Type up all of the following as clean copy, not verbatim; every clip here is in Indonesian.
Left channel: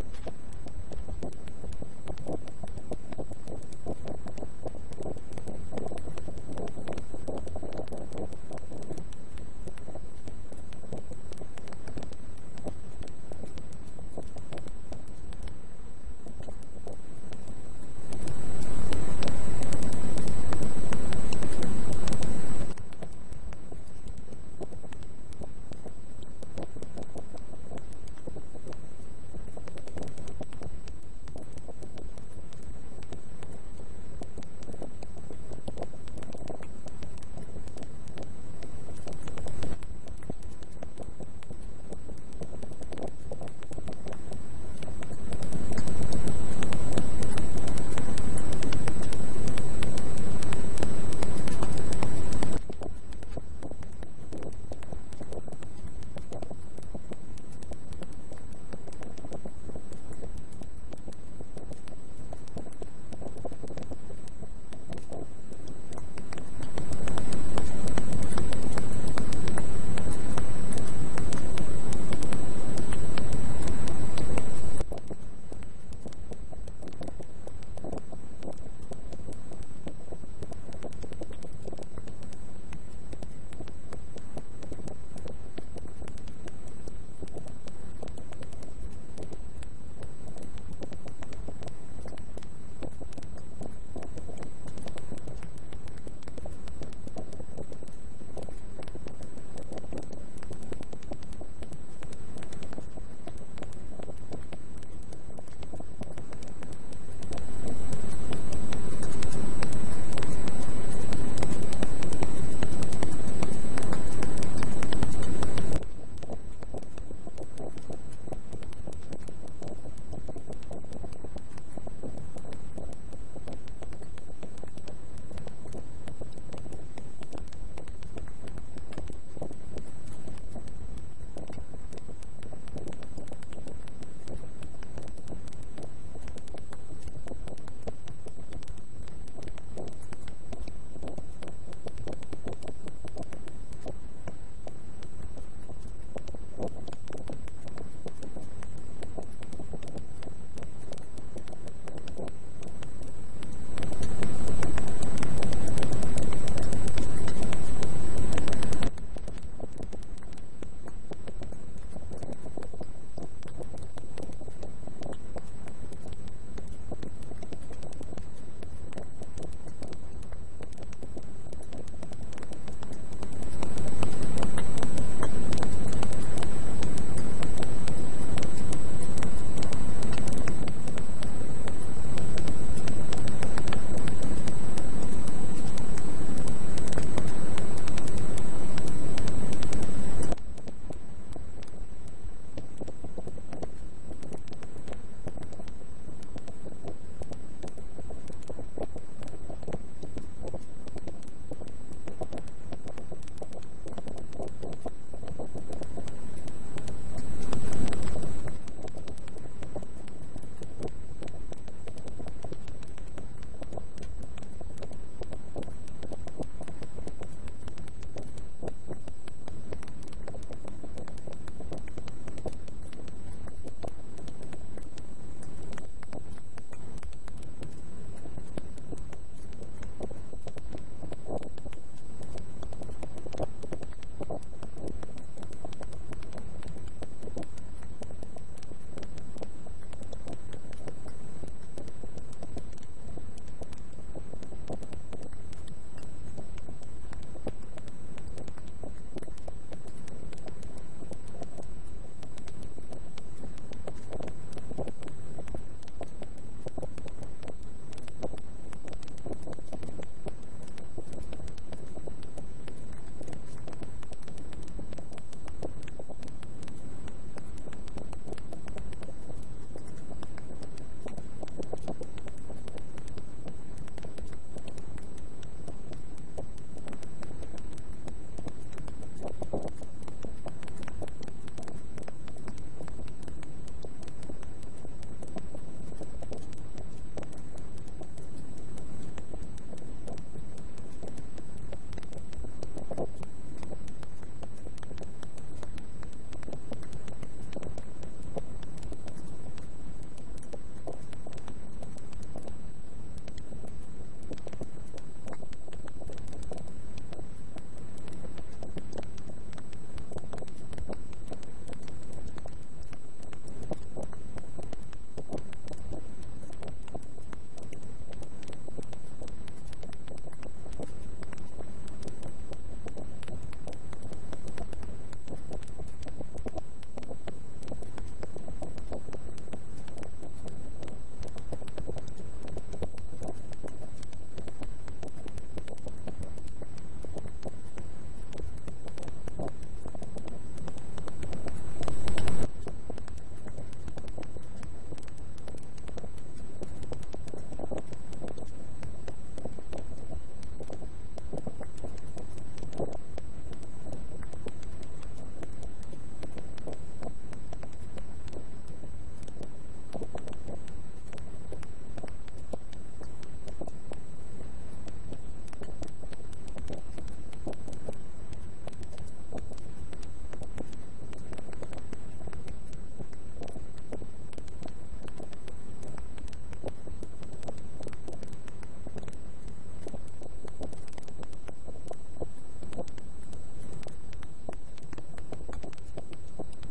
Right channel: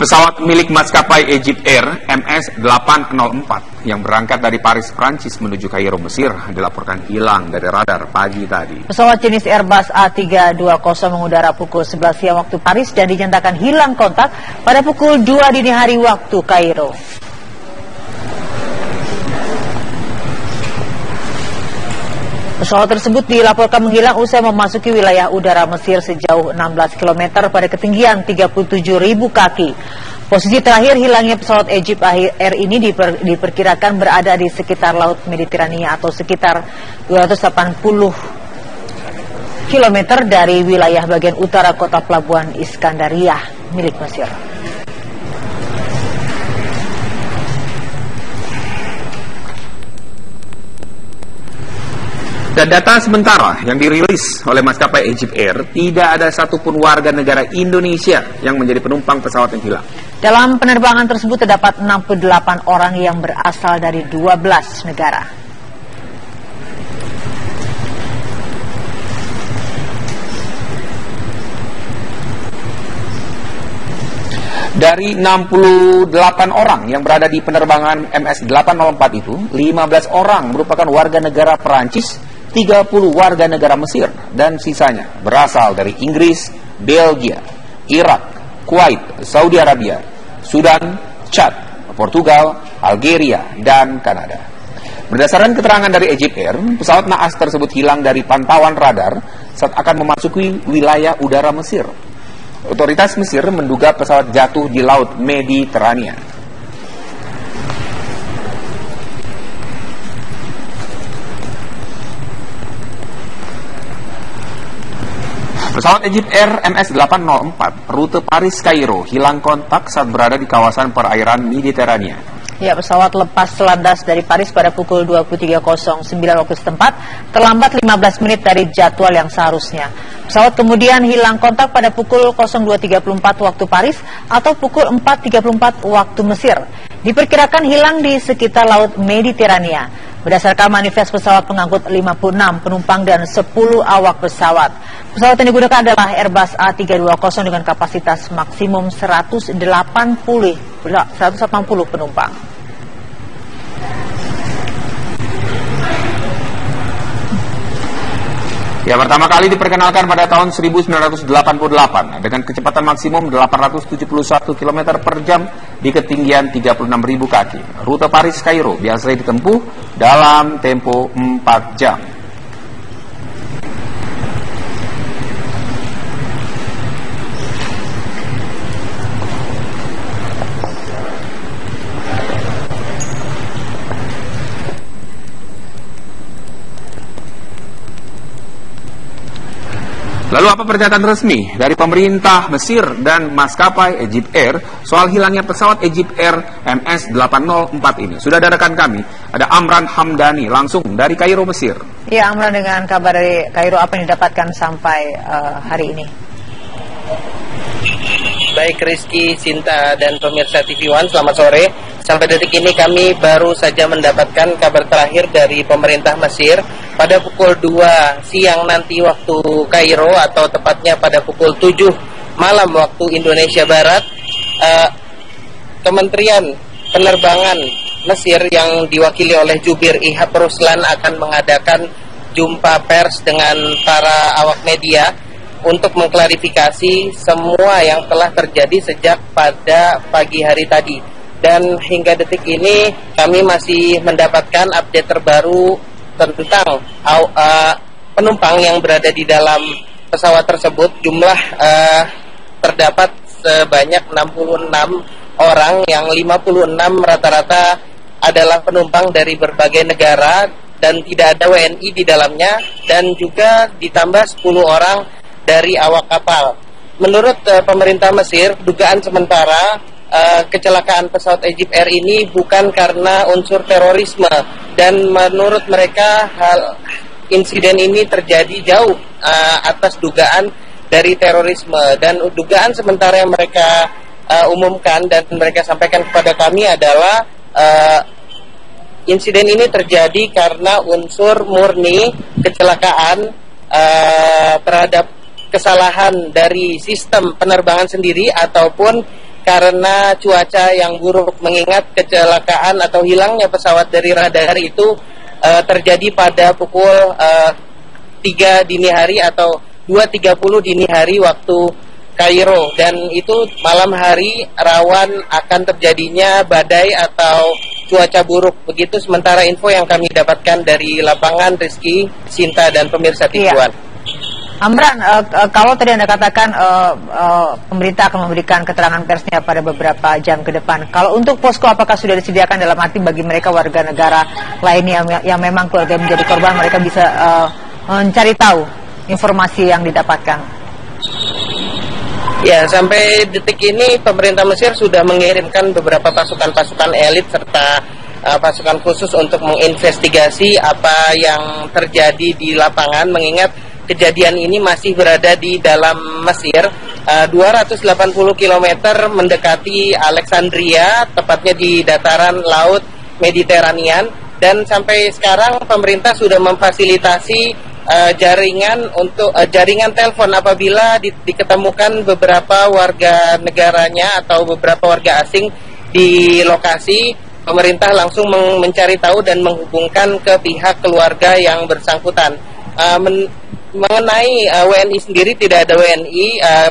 Pesawat milik maskapai Egypt Air MS-804 yang berangkat dari Paris, Prancis menuju Kairo, Mesir dilaporkan hilang dari radar pagi tadi. Pesawat jenis Airbus A320 mengudara pukul 11 siang waktu Paris dan dinyatakan hilang kontak pada pukul 2 dini hari waktu Kairo. Pesawat tersebut dilaporkan menghilang usai memasuki wilayah udara Mesir sejauh 16 km pada ketinggian 37.000 kaki. Posisi terakhir hilangnya pesawat Egypt Air ini diperkirakan berada di sekitar Laut Mediterania atau sekitar 280 km dari wilayah bagian utara kota pelabuhan Iskandaria milik Mesir. Dan data sementara yang dirilis oleh maskapai Egypt Air, tidak ada satupun warga negara Indonesia yang menjadi penumpang pesawat yang hilang. Dalam penerbangan tersebut terdapat 68 orang yang berasal dari 12 negara. Dari 68 orang yang berada di penerbangan MS-804 itu, 15 orang merupakan warga negara Perancis, 30 warga negara Mesir, dan sisanya berasal dari Inggris, Belgia, Irak, Kuwait, Saudi Arabia, Sudan, Chad, Portugal, Algeria, dan Kanada. Berdasarkan keterangan dari Egypt Air, pesawat naas tersebut hilang dari pantauan radar saat akan memasuki wilayah udara Mesir. Otoritas Mesir menduga pesawat jatuh di Laut Mediterania. Pesawat Egypt Air MS-804 rute Paris-Kairo hilang kontak saat berada di kawasan perairan Mediterania. Ya, pesawat lepas landas dari Paris pada pukul 23.09 waktu setempat, terlambat 15 menit dari jadwal yang seharusnya. Pesawat kemudian hilang kontak pada pukul 02.34 waktu Paris atau pukul 4.34 waktu Mesir. Diperkirakan hilang di sekitar Laut Mediterania. Berdasarkan manifest pesawat pengangkut 56 penumpang dan 10 awak pesawat. Pesawat yang digunakan adalah Airbus A320 dengan kapasitas maksimum 180 penumpang. Ya, pertama kali diperkenalkan pada tahun 1988 dengan kecepatan maksimum 871 km per jam di ketinggian 36.000 kaki. Rute Paris-Kairo biasanya ditempuh dalam tempo 4 jam. Lalu apa pernyataan resmi dari pemerintah Mesir dan maskapai Egypt Air soal hilangnya pesawat Egypt Air MS-804 ini? Sudah ada rekan kami, ada Amran Hamdani langsung dari Kairo, Mesir. Ya, Amran, dengan kabar dari Kairo, apa yang didapatkan sampai hari ini? Baik Rizky, Sinta, dan pemirsa TV One, selamat sore. Sampai detik ini kami baru saja mendapatkan kabar terakhir dari pemerintah Mesir. Pada pukul 2 siang nanti waktu Kairo, atau tepatnya pada pukul 7 malam waktu Indonesia Barat, Kementerian Penerbangan Mesir yang diwakili oleh Jubir Ihab Ruslan akan mengadakan jumpa pers dengan para awak media untuk mengklarifikasi semua yang telah terjadi sejak pada pagi hari tadi. Dan hingga detik ini kami masih mendapatkan update terbaru tentang penumpang yang berada di dalam pesawat tersebut. Jumlah terdapat sebanyak 66 orang, yang 56 rata-rata adalah penumpang dari berbagai negara dan tidak ada WNI di dalamnya, dan juga ditambah 10 orang dari awak kapal. Menurut pemerintah Mesir, dugaan sementara kecelakaan pesawat Egypt Air ini bukan karena unsur terorisme, dan menurut mereka insiden ini terjadi jauh atas dugaan dari terorisme. Dan dugaan sementara yang mereka umumkan dan mereka sampaikan kepada kami adalah insiden ini terjadi karena unsur murni kecelakaan terhadap kesalahan dari sistem penerbangan sendiri, ataupun karena cuaca yang buruk, mengingat kecelakaan atau hilangnya pesawat dari radar itu terjadi pada pukul 3 dini hari atau 2.30 dini hari waktu Kairo, dan itu malam hari rawan akan terjadinya badai atau cuaca buruk. Begitu sementara info yang kami dapatkan dari lapangan, Rizky, Sinta, dan pemirsa Tikuan. Amran, kalau tadi Anda katakan pemerintah akan memberikan keterangan persnya pada beberapa jam ke depan. Kalau untuk posko, apakah sudah disediakan dalam arti bagi mereka warga negara lainnya yang memang keluarga menjadi korban, mereka bisa mencari tahu informasi yang didapatkan? Ya, sampai detik ini pemerintah Mesir sudah mengirimkan beberapa pasukan-pasukan elit serta pasukan khusus untuk menginvestigasi apa yang terjadi di lapangan, mengingat kejadian ini masih berada di dalam Mesir, 280 km mendekati Alexandria, tepatnya di dataran laut Mediterranean, dan sampai sekarang pemerintah sudah memfasilitasi jaringan telepon apabila diketemukan beberapa warga negaranya atau beberapa warga asing di lokasi. Pemerintah langsung mencari tahu dan menghubungkan ke pihak keluarga yang bersangkutan. Mengenai WNI sendiri, tidak ada WNI.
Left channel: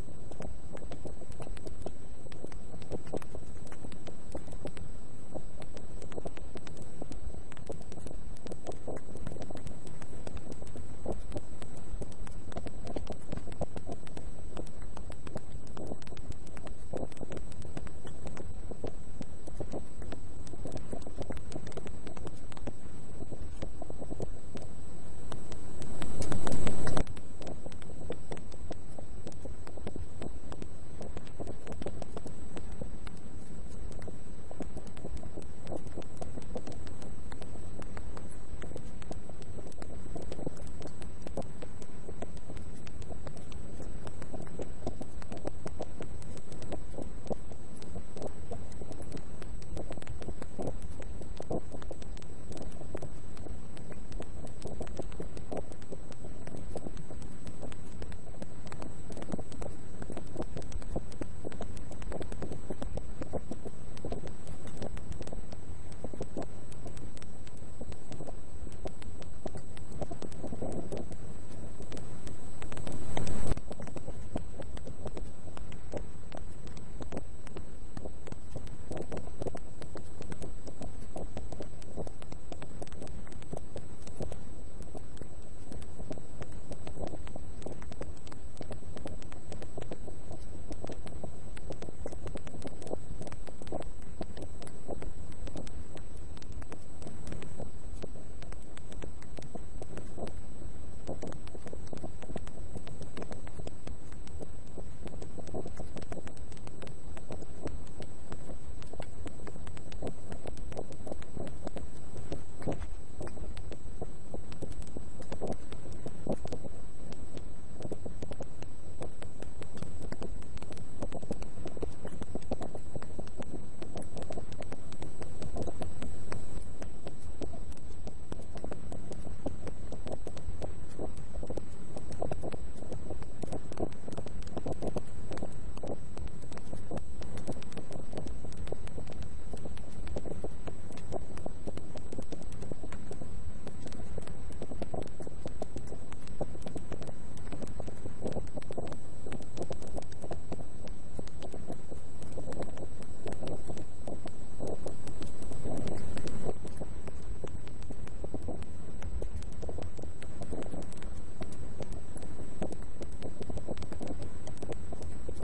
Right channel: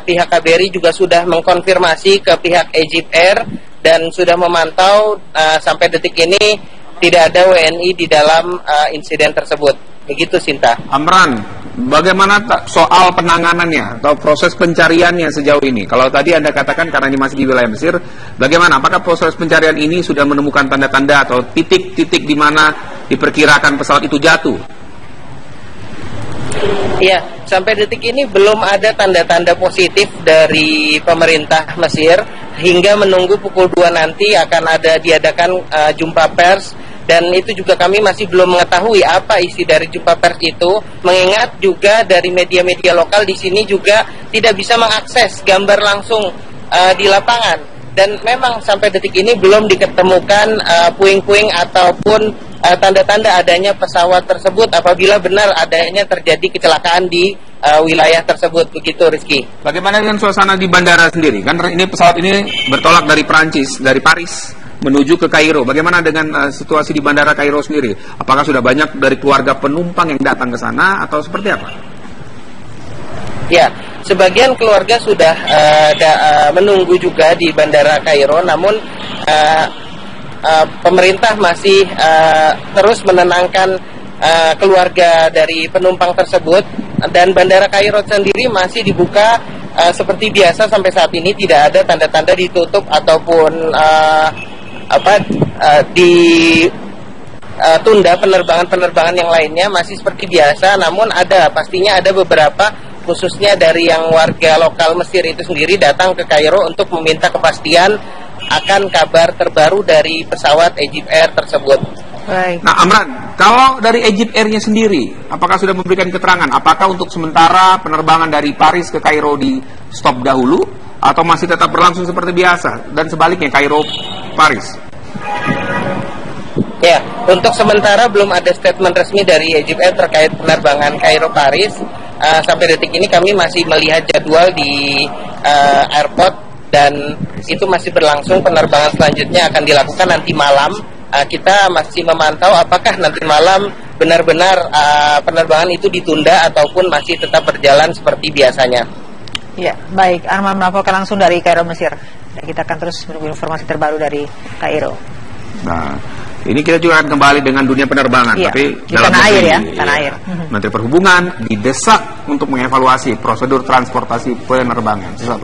Pihak KBRI juga sudah mengkonfirmasi ke pihak Egypt Air dan sudah memantau sampai detik ini tidak ada WNI di dalam insiden tersebut. Begitu, Sinta. Amran, bagaimana soal penanganannya atau proses pencariannya sejauh ini? Kalau tadi Anda katakan karena ini masih di wilayah Mesir, bagaimana? Apakah proses pencarian ini sudah menemukan tanda-tanda atau titik-titik di mana diperkirakan pesawat itu jatuh? Ya, sampai detik ini belum ada tanda-tanda positif dari pemerintah Mesir. Hingga menunggu pukul 2 nanti akan diadakan jumpa pers, dan itu juga kami masih belum mengetahui apa isi dari jumpa pers itu, mengingat juga dari media-media lokal di sini juga tidak bisa mengakses gambar langsung di lapangan. Dan memang sampai detik ini belum diketemukan puing-puing ataupun tanda-tanda adanya pesawat tersebut apabila benar adanya terjadi kecelakaan di wilayah tersebut. Begitu, Rizky. Bagaimana dengan suasana di bandara sendiri? Kan ini pesawat ini bertolak dari Perancis, dari Paris menuju ke Kairo. Bagaimana dengan situasi di bandara Kairo sendiri? Apakah sudah banyak dari keluarga penumpang yang datang ke sana atau seperti apa? Ya, sebagian keluarga sudah menunggu juga di bandara Kairo, namun pemerintah masih terus menenangkan keluarga dari penumpang tersebut, dan bandara Kairo sendiri masih dibuka seperti biasa sampai saat ini. Tidak ada tanda-tanda ditutup ataupun ditunda penerbangan-penerbangan yang lainnya, masih seperti biasa. Namun pastinya ada beberapa, khususnya dari yang warga lokal Mesir itu sendiri, datang ke Kairo untuk meminta kepastian akan kabar terbaru dari pesawat Egypt Air tersebut. Baik. Nah, Amran, kalau dari Egypt Air-nya sendiri, apakah sudah memberikan keterangan? Apakah untuk sementara penerbangan dari Paris ke Kairo di stop dahulu, atau masih tetap berlangsung seperti biasa? Dan sebaliknya, Kairo-Paris? Ya, untuk sementara belum ada statement resmi dari Egypt Air terkait penerbangan Kairo-Paris. Sampai detik ini kami masih melihat jadwal di airport, dan itu masih berlangsung. Penerbangan selanjutnya akan dilakukan nanti malam. Kita masih memantau apakah nanti malam benar-benar penerbangan itu ditunda ataupun masih tetap berjalan seperti biasanya. Ya, baik. Arman melaporkan langsung dari Kairo, Mesir. Dan kita akan terus menunggu informasi terbaru dari Kairo. Nah, ini kita juga akan kembali dengan dunia penerbangan, iya, tapi di tanah air ya, tanah air. Menteri Perhubungan didesak untuk mengevaluasi prosedur transportasi penerbangan.